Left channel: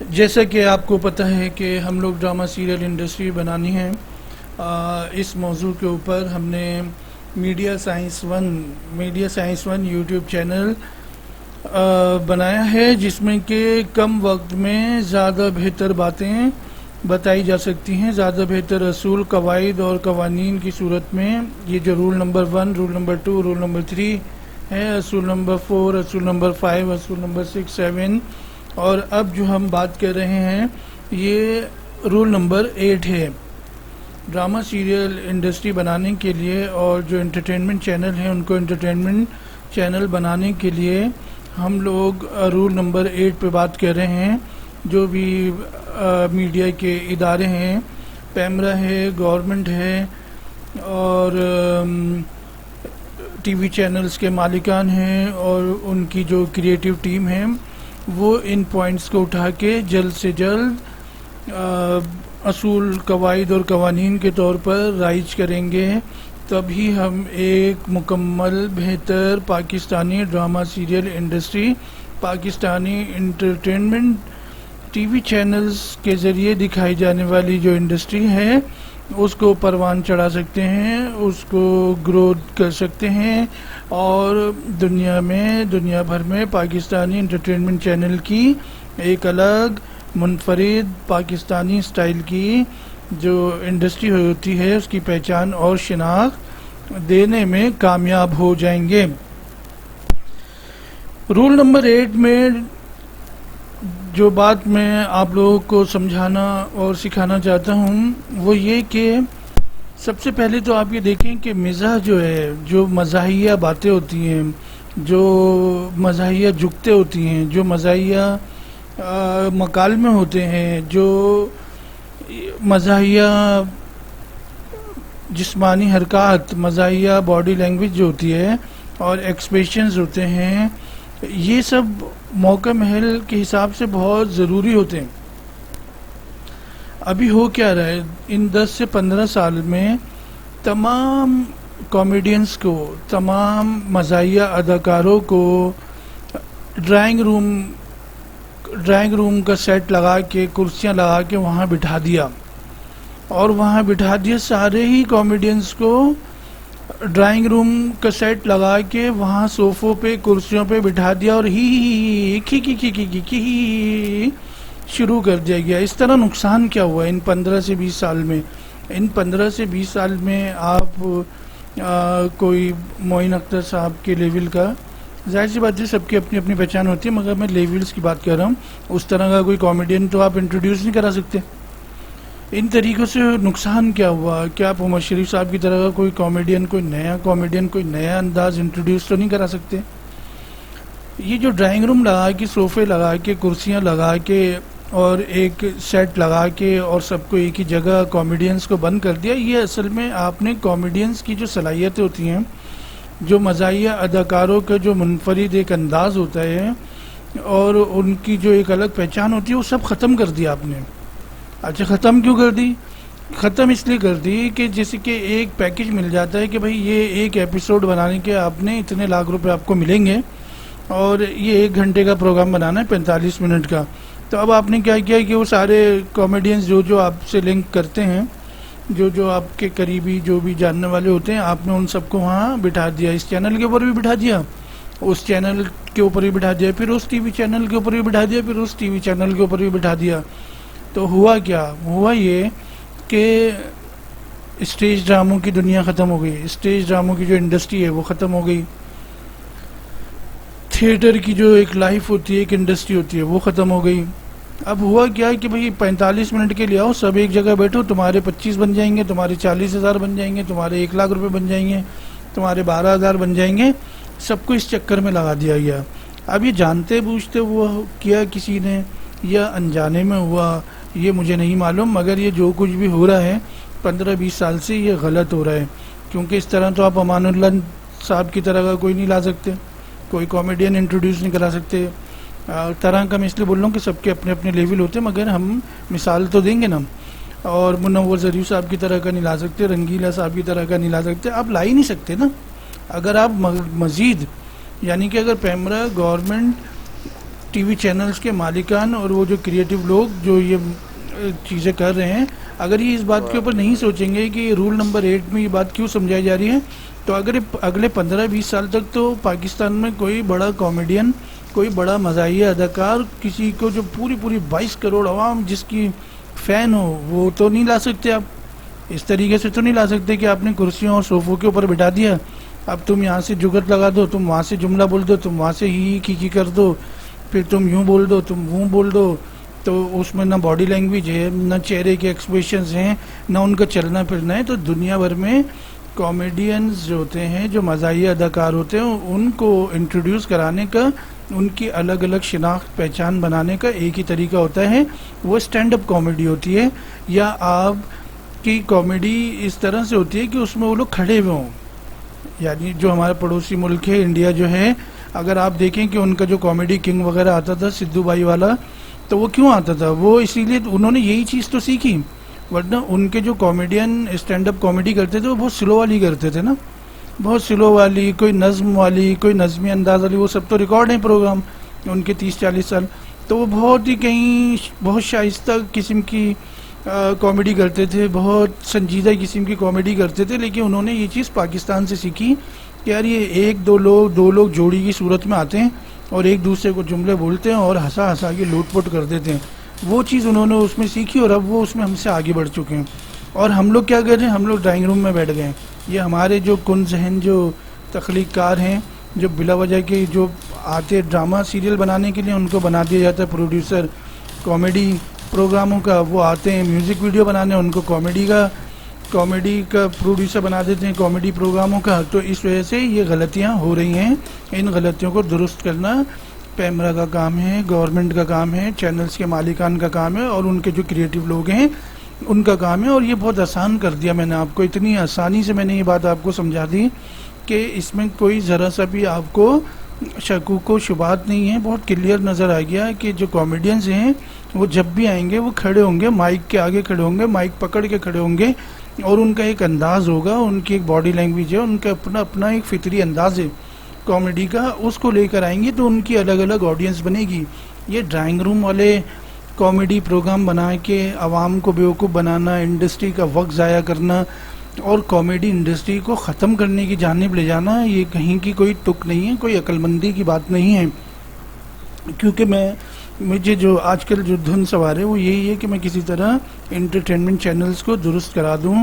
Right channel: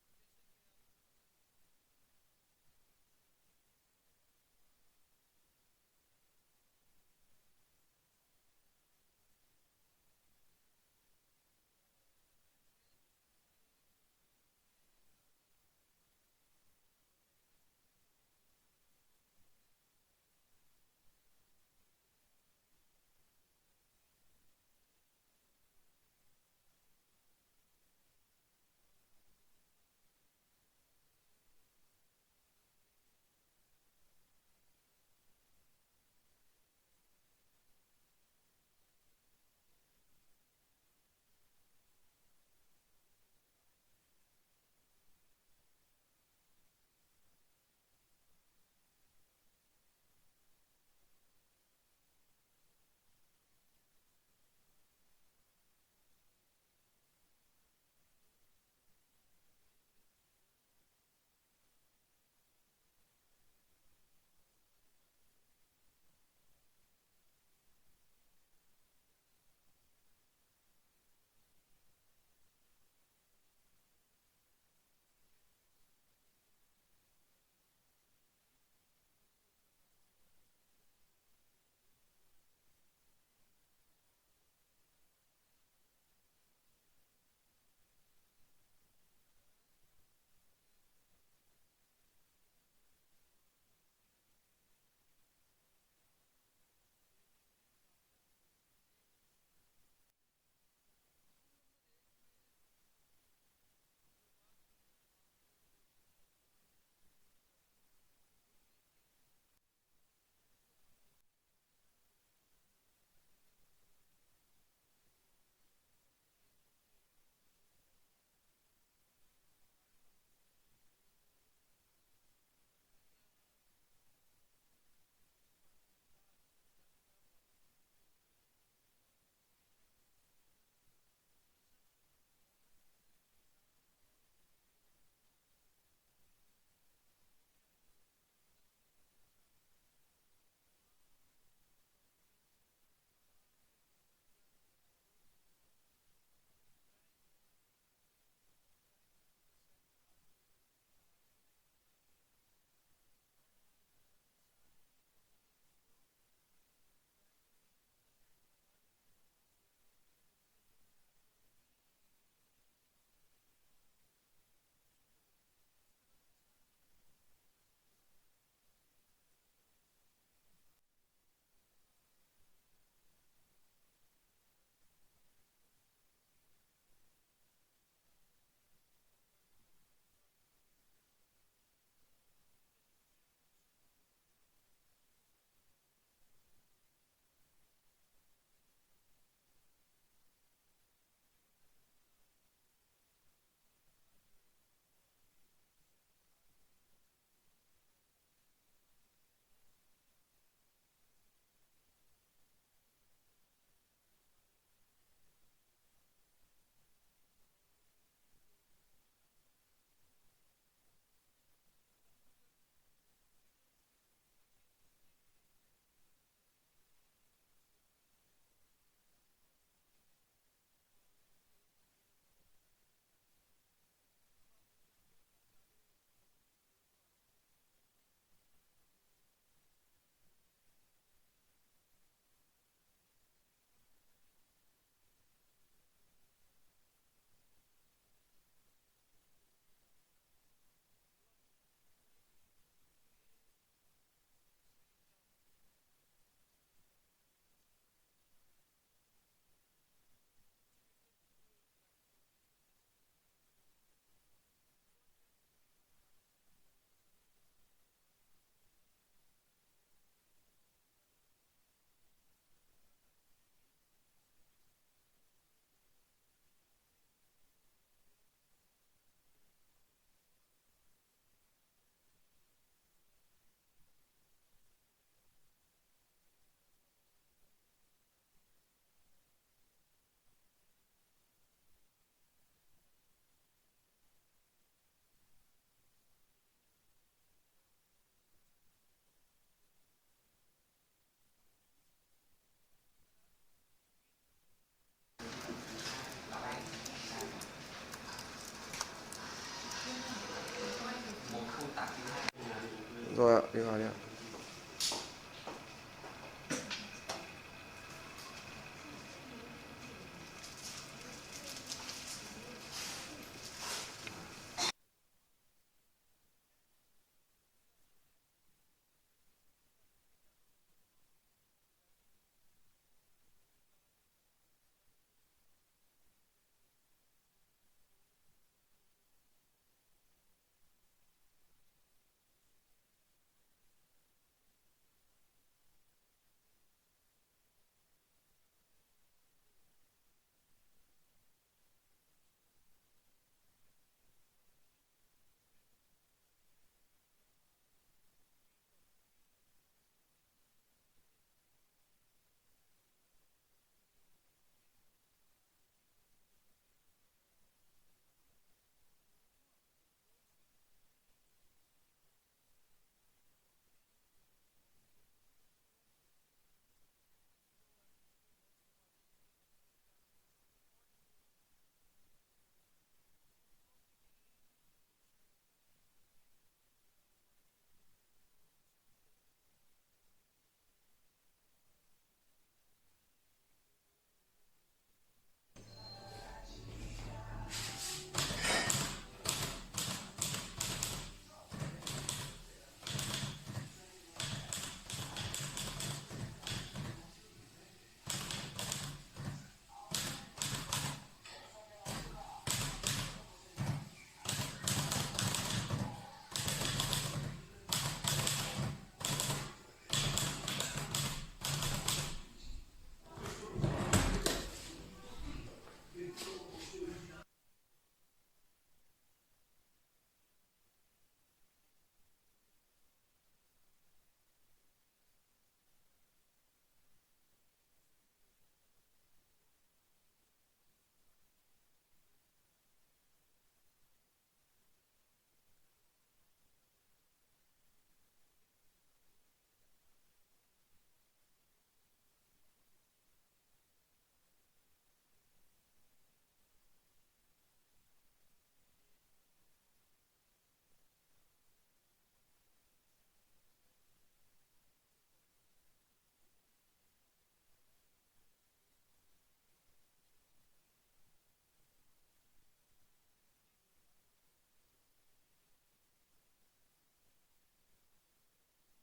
جیسا کہ آپ کو پتہ ہے کہ ہم لوگ ڈرامہ سیریل انڈسٹری بنانی ہے، اس موضوع کے اوپر ہم نے media science one YouTube channel بنایا ہے، جس میں کہ کم وقت میں زیادہ بہتر باتیں بتائی جا سکتی ہیں، زیادہ بہتر اصول، قواعد اور قوانین کی صورت میں۔ یہ جو roll number 1، roll number 2، roll number 3 ہے، اصول نمبر 4، اصول نمبر 5، اصول نمبر 6، 7، اور اب جو ہم بات کر رہے ہیں یہ رول نمبر 8 ہے۔ ڈرامہ سیریل انڈسٹری بنانے کے لیے اور جو انٹرٹینمنٹ چینل ہیں ان کو انٹرٹینمنٹ چینل بنانے کے لیے ہم لوگ رول نمبر 8 پہ بات کر رہے ہیں۔ جو بھی میڈیا کے ادارے ہیں، پیمرا ہے، گورنمنٹ ہے، اور ٹی وی چینلز کے مالکان ہیں اور ان کی جو کریٹیو ٹیم ہے، وہ ان پوائنٹس کو اٹھا کے جلد سے جلد اصول، قواعد اور قوانین کے طور پر رائج کریں گے، تبھی ہم ایک مکمل بہتر Pakistani drama serial industry, Pakistani entertainment T V channels کے ذریعے دکھائی جانے والی جو انڈسٹری ہے اس کو پروان چڑھا سکتے ہیں، اس کو گروتھ کر سکتے ہیں، اور دنیا بھر میں پاکستانی انٹرٹینمنٹ چینل کی ایک الگ منفرد پاکستانی سٹائل کی جو انڈسٹری ہوتی ہے اس کی پہچان اور شناخت دینے میں کامیاب ہو جائیں گے۔ رول نمبر 8 میں جو بات میں آپ لوگوں کو سمجھانا اور سکھانا چاہتا ہوں وہ یہ کہ سب سے پہلے تو آپ یہ دیکھیں کہ مزاح جو ہے، جو مزاحیہ باتیں ہوتی ہیں، جو مزاحیہ جگتیں ہوتی ہیں، جو مزاحیہ مکالمے ہوتے ہیں، جو مزاحیہ جسمانی حرکات، مزاحیہ باڈی لینگویج جو ہوتی ہے اور ایکسپریشنز ہوتے ہیں، یہ سب موقع محل کے حساب سے بہت ضروری ہوتے ہیں۔ ابھی ہو کیا رہا ہے، ان 10 سے 15 سال میں تمام کامیڈینز کو، تمام مزاحیہ اداکاروں کو ڈرائنگ روم کا سیٹ لگا کے، کرسیاں لگا کے وہاں بٹھا دیا، اور وہاں بٹھا دیا سارے ہی کامیڈینز کو ڈرائنگ روم کا سیٹ لگا کے وہاں صوفوں پہ، کرسیوں پہ بٹھا دیا، اور ہی شروع کر دیا گیا۔ اس طرح نقصان کیا ہوا ان 15 سے 20 سال میں؟ ان 15 سے 20 سال میں آپ کوئی معین اختر صاحب کے لیول کا، ظاہر سی بات ہے سب کی اپنی اپنی پہچان ہوتی ہے، مگر میں لیولز کی بات کر رہا ہوں، اس طرح کا کوئی کامیڈین تو آپ انٹروڈیوس نہیں کرا سکتے۔ ان طریقوں سے نقصان کیا ہوا؟ کیا آپ عمر شریف صاحب کی طرح کا کوئی کامیڈین، کوئی نیا انداز انٹروڈیوس تو نہیں کرا سکتے؟ یہ جو ڈرائنگ روم لگا کے، صوفے لگا کے، کرسیاں لگا کے اور ایک سیٹ لگا کے اور سب کو ایک ہی جگہ کامیڈینز کو بند کر دیا، یہ اصل میں آپ نے کامیڈینز کی جو صلاحیتیں ہوتی ہیں، جو مزاحیہ اداکاروں کا جو منفرد ایک انداز ہوتا ہے اور ان کی جو ایک الگ پہچان ہوتی ہے، وہ سب ختم کر دیا آپ نے۔ اچھا، ختم کیوں کر دی؟ ختم اس لیے کر دی کہ جیسے کہ ایک پیکج مل جاتا ہے کہ بھائی یہ ایک ایپیسوڈ بنانے کے آپ نے اتنے لاکھ روپے آپ کو ملیں گے، اور یہ 1 گھنٹے کا پروگرام بنانا ہے 45 منٹ کا۔ تو اب آپ نے کیا کیا کہ وہ سارے کامیڈینز جو آپ سے لنک کرتے ہیں، جو آپ کے قریبی، جو بھی جاننے والے ہوتے ہیں، آپ نے ان سب کو وہاں بٹھا دیا، اس چینل کے اوپر بھی بٹھا دیا، اس چینل کے اوپر بھی بٹھا دیا، پھر اس ٹی وی چینل کے اوپر بھی بٹھا دیا، پھر اس ٹی وی چینل کے اوپر بھی بٹھا دیا۔ تو ہوا کیا؟ ہوا یہ کہ اسٹیج ڈراموں کی دنیا ختم ہو گئی، اسٹیج ڈراموں کی جو انڈسٹری ہے وہ ختم ہو گئی، تھیٹر کی جو ایک لائف ہوتی ہے، ایک انڈسٹری ہوتی ہے، وہ ختم ہو گئی۔ اب ہوا کیا کہ بھئی 45 منٹ کے لیے آؤ، سب ایک جگہ بیٹھو، تمہارے 25 بن جائیں گے، تمہارے 40,000 بن جائیں گے، تمہارے 1 لاکھ روپے بن جائیں گے، تمہارے 12,000 بن جائیں گے، سب کو اس چکر میں لگا دیا گیا۔ اب یہ جانتے بوجھتے وہ کیا کسی نے یا انجانے میں ہوا، یہ مجھے نہیں معلوم، مگر یہ جو کچھ بھی ہو رہا ہے 15-20 سال سے یہ غلط ہو رہا ہے، کیونکہ اس طرح تو آپ امان اللہ صاحب کی طرح کا کوئی نہیں لا سکتے، کوئی کامیڈین انٹروڈیوس نہیں کرا سکتے۔ طرح کا میں اس لیے بول رہا ہوں کہ سب کے اپنے اپنے لیول ہوتے ہیں، مگر ہم مثال تو دیں گے نا، اور منور ظریف صاحب کی طرح کا نہیں لا سکتے، رنگیلا صاحب کی طرح کا نہیں لا سکتے، آپ لا ہی نہیں سکتے نا۔ اگر آپ مزید، یعنی کہ اگر PEMRA, government T V channels کے مالکان اور وہ جو کریٹیو لوگ جو یہ چیزیں کر رہے ہیں، اگر یہ اس بات کے اوپر نہیں سوچیں گے کہ رول نمبر 8 میں یہ بات کیوں سمجھائی جا رہی ہے، تو اگر اگلے 15-20 سال تک تو پاکستان میں کوئی بڑا کامیڈین، کوئی بڑا مزاحیہ اداکار، کسی کو جو پوری 22 کروڑ عوام جس کی فین ہو، وہ تو نہیں لا سکتے آپ. اس طریقے سے تو نہیں لا سکتے کہ آپ نے کرسیوں اور صوفوں کے اوپر بٹھا دیا، اب تم یہاں سے جگت لگا دو، تم وہاں سے جملہ بول دو، تم وہاں سے ہی کی کر دو، پھر تم یوں بول دو، تم وہ بول دو. تو اس میں نہ باڈی لینگویج ہے، نہ چہرے کے ایکسپریشنز ہیں، نہ ان کا چلنا پھرنا ہے. تو دنیا بھر میں کامیڈینز جو ہوتے ہیں، جو مزاحیہ اداکار ہوتے ہیں، ان کو انٹروڈیوس کرانے کا، ان کی الگ الگ شناخت پہچان بنانے کا ایک ہی طریقہ ہوتا ہے، وہ اسٹینڈ اپ کامیڈی ہوتی ہے. یا آپ کی کامیڈی اس طرح سے ہوتی ہے کہ اس میں وہ لوگ کھڑے ہوئے ہوں. یعنی جو ہمارا پڑوسی ملک ہے انڈیا جو ہے، اگر آپ دیکھیں کہ ان کا جو کامیڈی کنگ وغیرہ آتا تھا سدھو بھائی والا، تو وہ کیوں آتا تھا؟ وہ اسی لیے انہوں نے یہی چیز تو سیکھی، ورنہ ان کے جو کامیڈین اسٹینڈ اپ کامیڈی کرتے تھے وہ بہت سلو والی کرتے تھے نا، بہت سلو والی، کوئی نظم والی، کوئی نظمی انداز والی. وہ سب تو ریکارڈ ہیں پروگرام ان کے 30-40 سال. تو وہ بہت ہی کہیں بہت شائستہ قسم کی کامیڈی کرتے تھے، بہت سنجیدہ قسم کی کامیڈی کرتے تھے. لیکن انہوں نے یہ چیز پاکستان سے سیکھی کہ یار یہ دو لوگ جوڑی کی صورت میں آتے ہیں اور ایک دوسرے کو جملے بولتے ہیں اور ہنسا ہنسا کے لوٹ پوٹ کر دیتے ہیں. وہ چیز انہوں نے اس میں سیکھی اور اب وہ اس میں ہم سے آگے بڑھ چکے ہیں. اور ہم لوگ کیا کر رہے ہیں؟ ہم لوگ ڈرائنگ روم میں بیٹھ گئے ہیں. یہ ہمارے جو کن ذہن جو تخلیق کار ہیں، جو بلا وجہ کے جو آتے ڈرامہ سیریل بنانے کے لیے ان کو بنا دیا جاتا ہے پروڈیوسر کامیڈی پروگراموں کا، وہ آتے ہیں میوزک ویڈیو بنانے، ان کو کامیڈی کا پروڈیوسر بنا دیتے ہیں کامیڈی پروگراموں کا. تو اس وجہ سے یہ غلطیاں ہو رہی ہیں. ان غلطیوں کو درست کرنا پیمرا کا کام ہے، گورنمنٹ کا کام ہے، چینلز کے مالکان کا کام ہے، اور ان کے جو کریٹیو لوگ ہیں ان کا کام ہے. اور یہ بہت آسان کر دیا میں نے آپ کو، اتنی آسانی سے میں نے یہ بات آپ کو سمجھا دی کہ اس میں کوئی ذرا سا بھی آپ کو شکوک و شبہات نہیں ہے. بہت کلیئر نظر آ گیا کہ جو کامیڈینز ہیں وہ جب بھی آئیں گے وہ کھڑے ہوں گے، مائک کے آگے کھڑے ہوں گے، مائک پکڑ کے کھڑے ہوں گے، اور ان کا ایک انداز ہوگا، ان کی ایک باڈی لینگویج ہے، ان کا اپنا ایک فطری انداز ہے کامیڈی کا، اس کو لے کر آئیں گے تو ان کی الگ الگ آڈینس بنے گی. یہ ڈرائنگ روم والے کامیڈی پروگرام بنا کے عوام کو بیوقوف بنانا، انڈسٹری کا وقت ضائع کرنا اور کامیڈی انڈسٹری کو ختم کرنے کی جانب لے جانا، یہ کہیں کی کوئی تک نہیں ہے، کوئی عقل مندی کی بات نہیں ہے. کیونکہ مجھے جو آج کل جو دھن سوار ہے وہ یہی ہے کہ میں کسی طرح انٹرٹینمنٹ چینلز کو درست کرا دوں،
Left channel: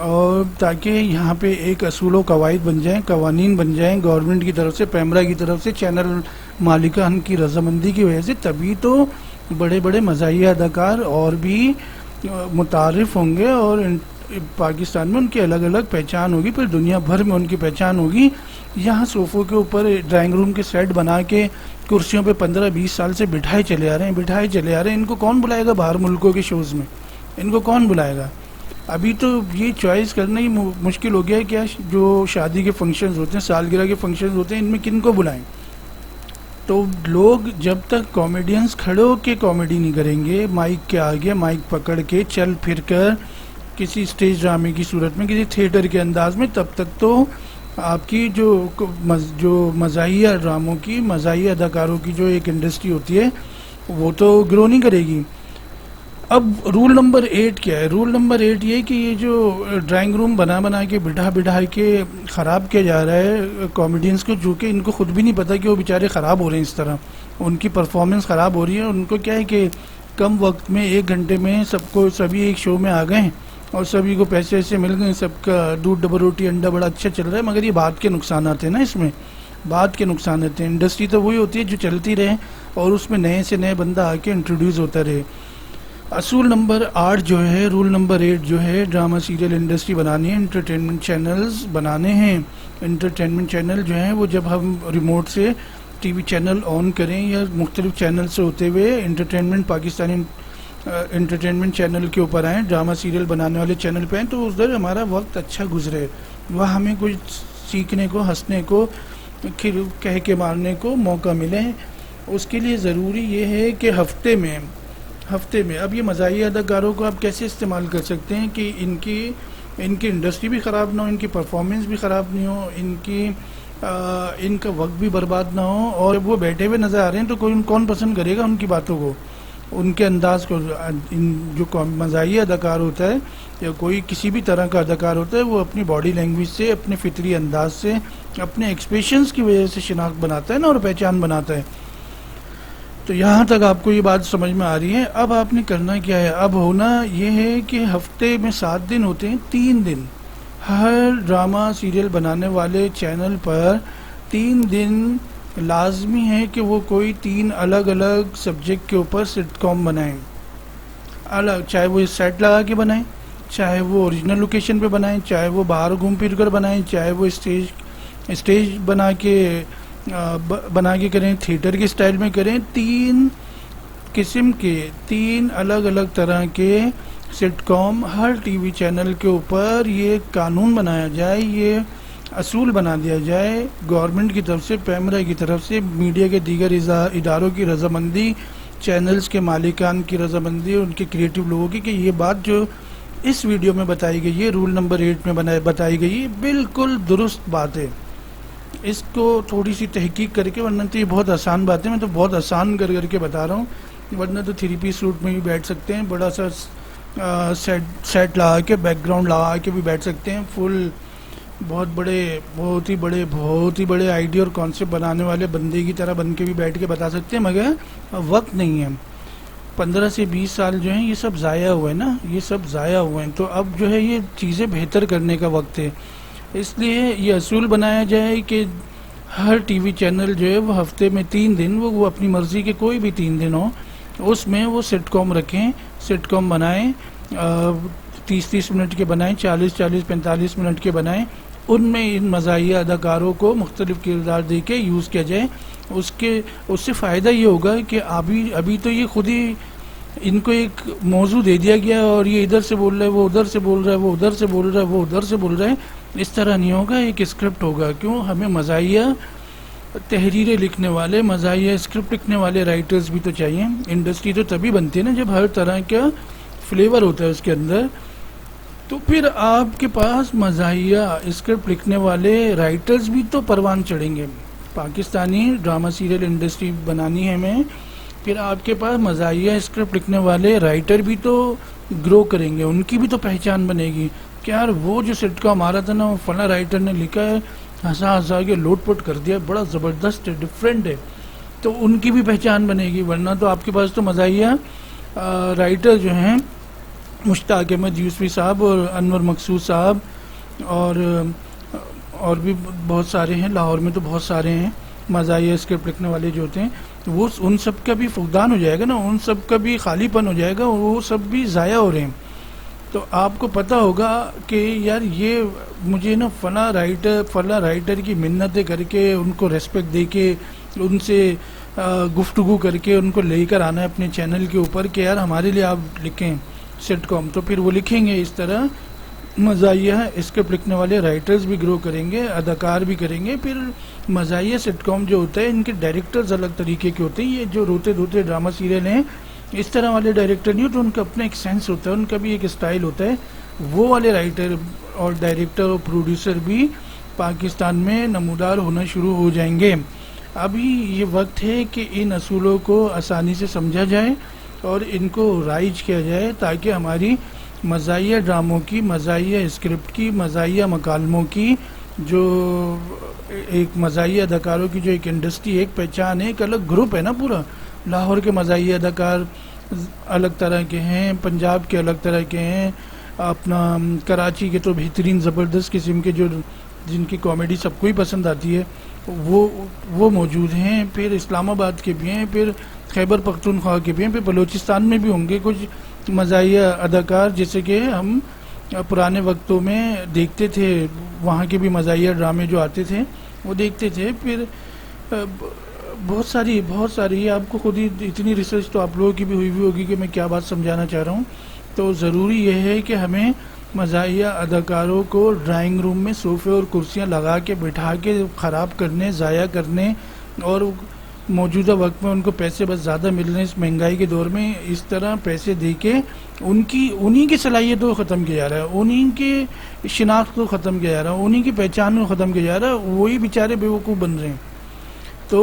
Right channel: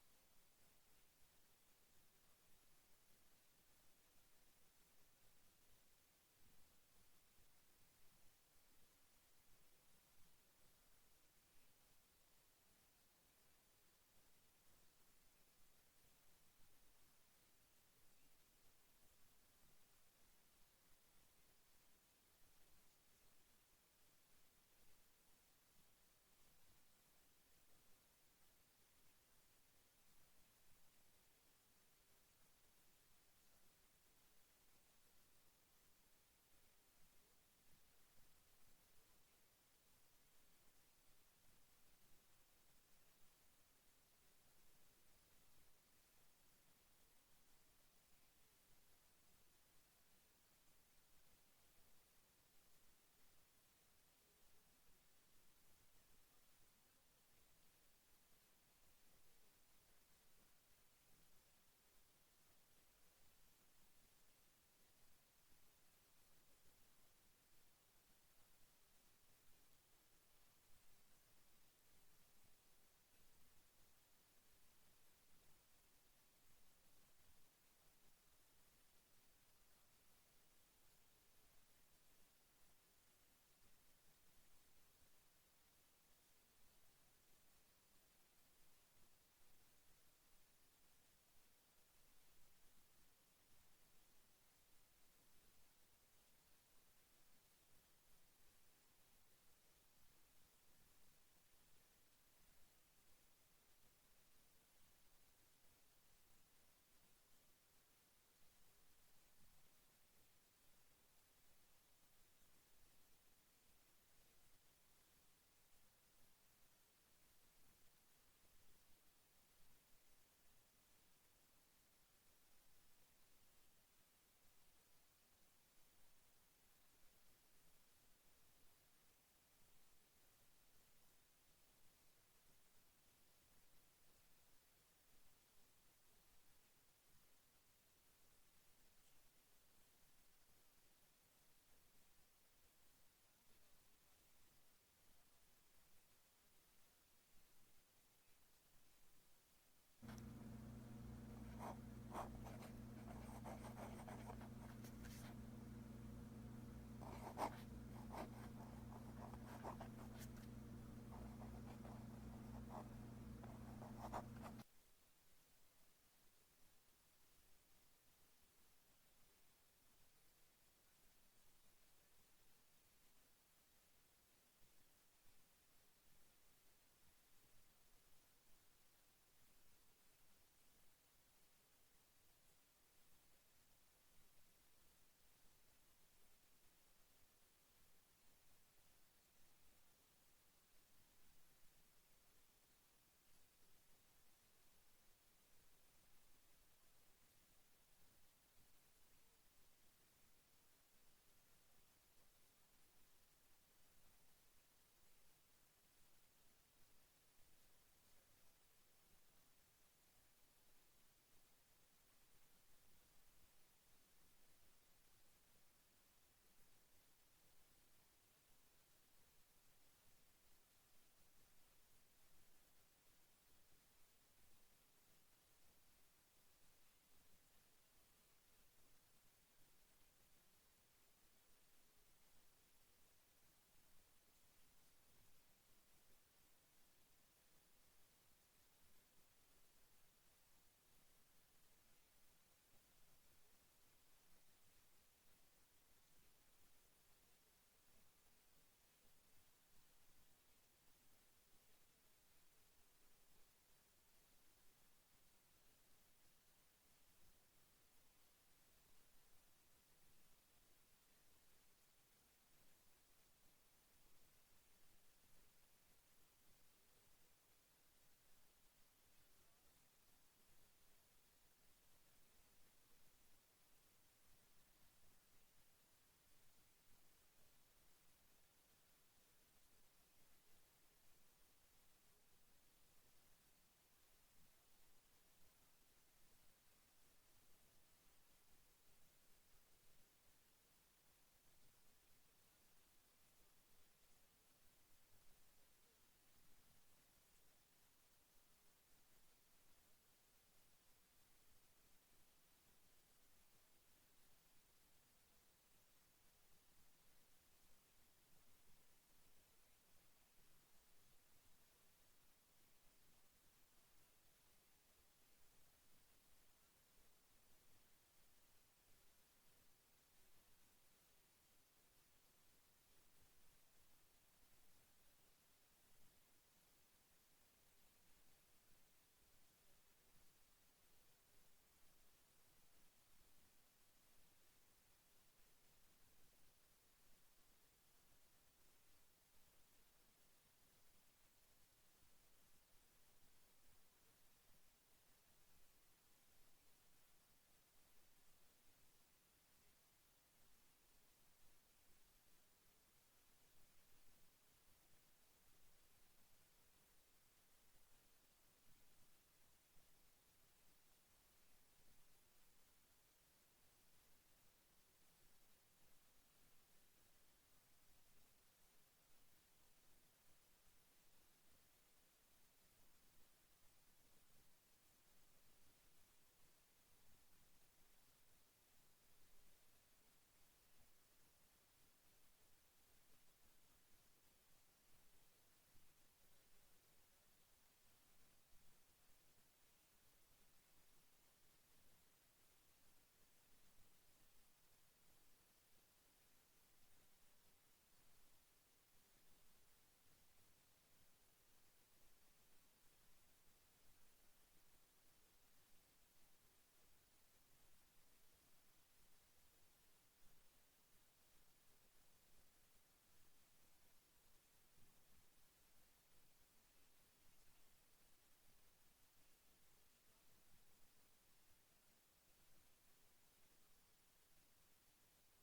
اور تاکہ یہاں پہ ایک اصول و قواعد بن جائیں، قوانین بن جائیں گورنمنٹ کی طرف سے، پیمرا کی طرف سے، چینل مالکان کی رضامندی کی وجہ سے. تبھی تو بڑے بڑے مزاحیہ اداکار اور بھی متعارف ہوں گے، اور پاکستان میں ان کی الگ الگ پہچان ہوگی، پھر دنیا بھر میں ان کی پہچان ہوگی. یہاں صوفوں کے اوپر ڈرائنگ روم کے سیٹ بنا کے کرسیوں پہ 15-20 سال سے بٹھائے چلے آ رہے ہیں. ان کو کون بلائے گا باہر ملکوں کے شوز میں؟ ان کو کون بلائے گا؟ ابھی تو یہ چوائس کرنا ہی مشکل ہو گیا ہے کہ جو شادی کے فنکشنز ہوتے ہیں، سالگرہ کے فنکشنز ہوتے ہیں، ان میں کن کو بلائیں؟ تو لوگ جب تک کامیڈینز کھڑے ہو کے کامیڈی نہیں کریں گے، مائک کے آگے مائک پکڑ کے چل پھر کر کسی اسٹیج ڈرامے کی صورت میں، کسی تھیٹر کے انداز میں، تب تک تو آپ کی جو مزاحیہ ڈراموں کی، مزاحیہ اداکاروں کی جو ایک انڈسٹری ہوتی ہے وہ تو گرو نہیں کرے گی. اب رول نمبر 8 کیا ہے؟ رول نمبر 8 یہ کہ یہ جو ڈرائنگ روم بنا کے بٹھا کے خراب کیا جا رہا ہے کامیڈینز کو، جو کہ ان کو خود بھی نہیں پتا کہ وہ بیچارے خراب ہو رہے ہیں، اس طرح ان کی پرفارمنس خراب ہو رہی ہے. ان کو کیا ہے کہ کم وقت میں 1 گھنٹے میں سبھی ایک شو میں آ گئے ہیں اور سبھی کو پیسے ایسے مل گئے، سب کا دودھ ڈبل روٹی انڈا بڑا اچھا چل رہا ہے. مگر یہ بات کے نقصانات ہیں نا، اس میں بات کے نقصانات ہیں. انڈسٹری تو وہی ہوتی ہے جو چلتی رہے اور اس میں نئے سے نئے بندہ آ کے انٹروڈیوس ہوتا رہے. اصول نمبر 8 جو ہے، رول نمبر 8 جو ہے، ڈرامہ سیریل انڈسٹری بنانی ہے، انٹرٹینمنٹ چینلز بنانے ہیں. انٹرٹینمنٹ چینل جو ہیں وہ جب ہم ریموٹ سے ٹی وی چینل آن کریں یا مختلف چینل سے ہوتے ہوئے انٹرٹینمنٹ پاکستانی انٹرٹینمنٹ چینل کے اوپر آئیں، ڈرامہ سیریل بنانے والے چینل پہ آئیں، تو ادھر ہمارا وقت اچھا گزرے، وہاں ہمیں کچھ سیکھنے کو، ہنسنے کو، کہہ کے مارنے کو موقع ملے. اس کے لیے ضروری یہ ہے کہ ہفتے میں اب یہ مزاحیہ اداکاروں کو آپ کیسے استعمال کر سکتے ہیں کہ ان کی انڈسٹری بھی خراب نہ ہو، ان کی پرفارمنس بھی خراب نہیں ہو، ان کی ان کا وقت بھی برباد نہ ہو، اور جب وہ بیٹھے ہوئے نظر آ رہے ہیں تو کوئی کون پسند کرے گا ان کی باتوں کو، ان کے انداز کو. جو مزاحیہ اداکار ہوتا ہے یا کوئی کسی بھی طرح کا اداکار ہوتا ہے، وہ اپنی باڈی لینگویج سے، اپنے فطری انداز سے، اپنے ایکسپریشنز کی وجہ سے شناخت بناتا ہے نا، اور پہچان بناتا ہے. تو یہاں تک آپ کو یہ بات سمجھ میں آ رہی ہے. اب آپ نے کرنا کیا ہے؟ اب ہونا یہ ہے کہ ہفتے میں 7 دن ہوتے ہیں، 3 دن ہر ڈرامہ سیریل بنانے والے چینل پر 3 دن لازمی ہے کہ وہ کوئی 3 الگ الگ سبجیکٹ کے اوپر سٹ کام بنائیں الگ، چاہے وہ سیٹ لگا کے بنائیں، چاہے وہ اوریجنل لوکیشن پہ بنائیں، چاہے وہ باہر گھوم پھر کر بنائیں، چاہے وہ اسٹیج بنا کے کریں، تھیٹر کے سٹائل میں کریں. 3 قسم کے 3 الگ الگ طرح کے سٹ کام ہر ٹی وی چینل کے اوپر. یہ قانون بنایا جائے، یہ اصول بنا دیا جائے گورنمنٹ کی طرف سے، پیمرا کی طرف سے، میڈیا کے دیگر اداروں کی رضامندی، چینلز کے مالکان کی رضامندی، ان کے کریٹو لوگوں کی، کہ یہ بات جو اس ویڈیو میں بتائی گئی ہے، رول نمبر 8 میں بتائی گئی ہے، بالکل درست بات ہے. اس کو تھوڑی سی تحقیق کر کے، ورنہ تو یہ بہت آسان بات ہے، میں تو بہت آسان کر کے بتا رہا ہوں. ورنہ تو 3 پیس سوٹ میں بھی بیٹھ سکتے ہیں، بڑا سا سیٹ لگا کے، بیک گراؤنڈ لگا کے بھی بیٹھ سکتے ہیں، فل بہت ہی بڑے آئیڈیا اور کانسیپٹ بنانے والے بندے کی طرح بن کے بھی بیٹھ کے بتا سکتے ہیں، مگر وقت نہیں ہے. 15 سے 20 سال جو ہیں یہ سب ضائع ہوئے نا، یہ سب ضائع ہوئے ہیں. تو اب جو ہے یہ چیزیں بہتر کرنے کا وقت ہے. اس لیے یہ اصول بنایا جائے کہ ہر ٹی وی چینل جو ہے وہ ہفتے میں 3 دن، وہ اپنی مرضی کے کوئی بھی 3 دن ہو، اس میں وہ سٹ کام رکھیں، سٹ کام بنائیں، 30 منٹ کے بنائیں، 40 45 منٹ کے بنائیں. ان میں ان مزاحیہ اداکاروں کو مختلف کردار دے کے یوز کیا جائے. اس سے فائدہ یہ ہوگا کہ ابھی تو یہ خود ہی ان کو ایک موضوع دے دیا گیا، اور یہ ادھر سے بول رہا ہے، وہ ادھر سے بول رہا ہے، وہ ادھر سے بول رہا ہے، وہ ادھر سے بول رہا ہے. اس طرح نہیں ہوگا، ایک اسکرپٹ ہوگا. کیوں؟ ہمیں مزاحیہ تحریریں لکھنے والے، مزاحیہ اسکرپٹ لکھنے والے رائٹرز بھی تو چاہیے. انڈسٹری تو تبھی بنتی ہے نا جب ہر طرح کا فلیور ہوتا ہے اس کے اندر. تو پھر آپ کے پاس مزاحیہ اسکرپٹ لکھنے والے رائٹرز بھی تو پروان چڑھیں گے. پاکستانی ڈرامہ سیریل انڈسٹری بنانی ہے ہمیں، پھر آپ کے پاس مزاحیہ اسکرپٹ لکھنے والے رائٹر بھی تو گرو کریں گے، ان کی بھی تو پہچان بنے گی کہ یار وہ جو سٹ کا ہمارا تھا نا، وہ فلاں رائٹر نے لکھا ہے، ہنسا کے لوٹ پوٹ کر دیا، بڑا زبردست ہے، ڈفرینٹ ہے. تو ان کی بھی پہچان بنے گی. ورنہ تو آپ کے پاس تو مزاحیہ رائٹر جو ہیں مشتاق احمد یوسفی صاحب اور انور مقصود صاحب اور بھی بہت سارے ہیں، لاہور میں تو بہت سارے ہیں مزاحیہ اسکرپٹ لکھنے والے جو ہوتے ہیں. وہ ان سب کا بھی فقدان ہو جائے گا نا، ان سب کا بھی خالی پن ہو جائے گا، وہ سب بھی ضائع ہو رہے ہیں. تو آپ کو پتہ ہوگا کہ یار یہ مجھے نا فلاں رائٹر کی منتیں کر کے، ان کو ریسپیکٹ دے کے، ان سے گفتگو کر کے ان کو لے کر آنا ہے اپنے چینل کے اوپر کہ یار ہمارے لیے آپ لکھیں سٹ کام. تو پھر وہ لکھیں گے. اس طرح مزاحیہ اسکرپٹ لکھنے والے رائٹرز بھی گرو کریں گے، اداکار بھی کریں گے. پھر مزاحیہ سٹ کام جو ہوتا ہے، ان کے ڈائریکٹرز الگ طریقے کے ہوتے ہیں. یہ جو روتے دھوتے ڈرامہ سیریل ہیں، اس طرح والے ڈائریکٹر نہیں ہوتے، ان کا اپنا ایک سینس ہوتا ہے، ان کا بھی ایک اسٹائل ہوتا ہے. وہ والے رائٹر اور ڈائریکٹر اور پروڈیوسر بھی پاکستان میں نمودار ہونا شروع ہو جائیں گے. ابھی یہ وقت ہے کہ ان اصولوں کو آسانی سے سمجھا جائے اور ان کو رائج کیا جائے، تاکہ ہماری مزاحیہ ڈراموں کی، مزاحیہ اسکرپٹ کی، مزاحیہ مکالموں کی، جو ایک مزاحیہ اداکاروں کی جو ایک انڈسٹری، ایک پہچان ہے، ایک الگ گروپ ہے نا پورا. لاہور کے مزاحیہ اداکار الگ طرح کے ہیں، پنجاب کے الگ طرح کے ہیں، اپنا کراچی کے تو بہترین زبردست قسم کے جو جن کی کامیڈی سب کو ہی پسند آتی ہے وہ موجود ہیں. پھر اسلام آباد کے بھی ہیں، پھر خیبر پختونخوا کے بھی ہیں، پھر بلوچستان میں بھی ہوں گے کچھ مزاحیہ اداکار، جیسے کہ ہم پرانے وقتوں میں دیکھتے تھے. وہاں کے بھی مزاحیہ ڈرامے جو آتے تھے وہ دیکھتے تھے. پھر بہت ساری آپ کو خود ہی اتنی ریسرچ تو آپ لوگوں کی بھی ہوئی ہوگی کہ میں کیا بات سمجھانا چاہ رہا ہوں. تو ضروری یہ ہے کہ ہمیں مزاحیہ اداکاروں کو ڈرائنگ روم میں صوفے اور کرسیاں لگا کے بٹھا کے خراب کرنے، ضائع کرنے اور موجودہ وقت میں ان کو پیسے بس زیادہ مل رہے ہیں اس مہنگائی کے دور میں، اس طرح پیسے دے کے انہی کی صلاحیتوں کو ختم کیا جا رہا ہے، انہی کی شناخت کو ختم کیا جا رہا ہے، انہی کی پہچان کو ختم کیا جا رہا ہے، وہی بیچارے بیوقوف بن رہے ہیں۔ تو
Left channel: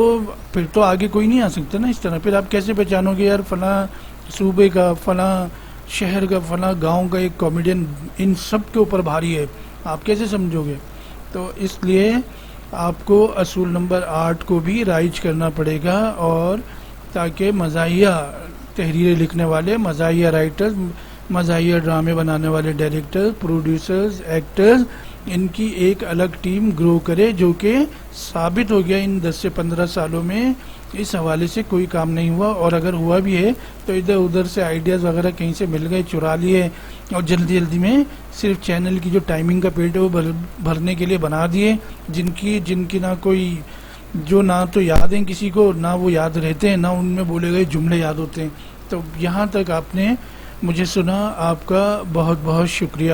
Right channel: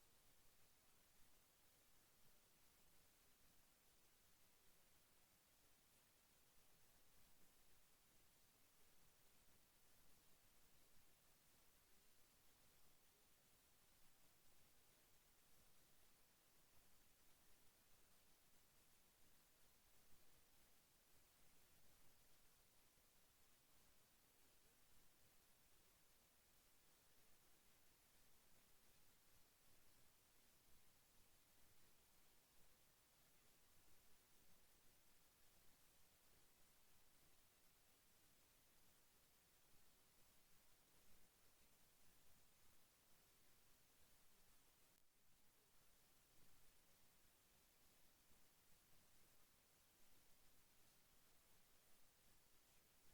پھر تو آگے کوئی نہیں آ سکتا نا اس طرح، پھر آپ کیسے پہچانو گے یار فلاں صوبے کا، فلاں شہر کا، فلاں گاؤں کا ایک کامیڈین ان سب کے اوپر بھاری ہے، آپ کیسے سمجھو گے؟ تو اس لیے آپ کو اصول نمبر 8 کو بھی رائج کرنا پڑے گا، اور تاکہ مزاحیہ تحریریں لکھنے والے، مزاحیہ رائٹرز، مزاحیہ ڈرامے بنانے والے ڈائریکٹر، پروڈیوسرز، ایکٹرز، ان کی ایک الگ ٹیم گرو کرے، جو کہ ثابت ہو گیا ان 10 سے 15 سالوں میں اس حوالے سے کوئی کام نہیں ہوا، اور اگر ہوا بھی ہے تو ادھر ادھر سے آئیڈیاز وغیرہ کہیں سے مل گئے، چرا لیے، اور جلدی جلدی میں صرف چینل کی جو ٹائمنگ کا پیٹ ہے وہ بھرنے کے لیے بنا دیے، جن کی نہ کوئی، جو نہ تو یاد ہیں کسی کو، نہ وہ یاد رہتے ہیں، نہ ان میں بولے گئے جملے یاد ہوتے ہیں۔ تو یہاں تک آپ نے مجھے سنا، آپ کا بہت بہت شکریہ۔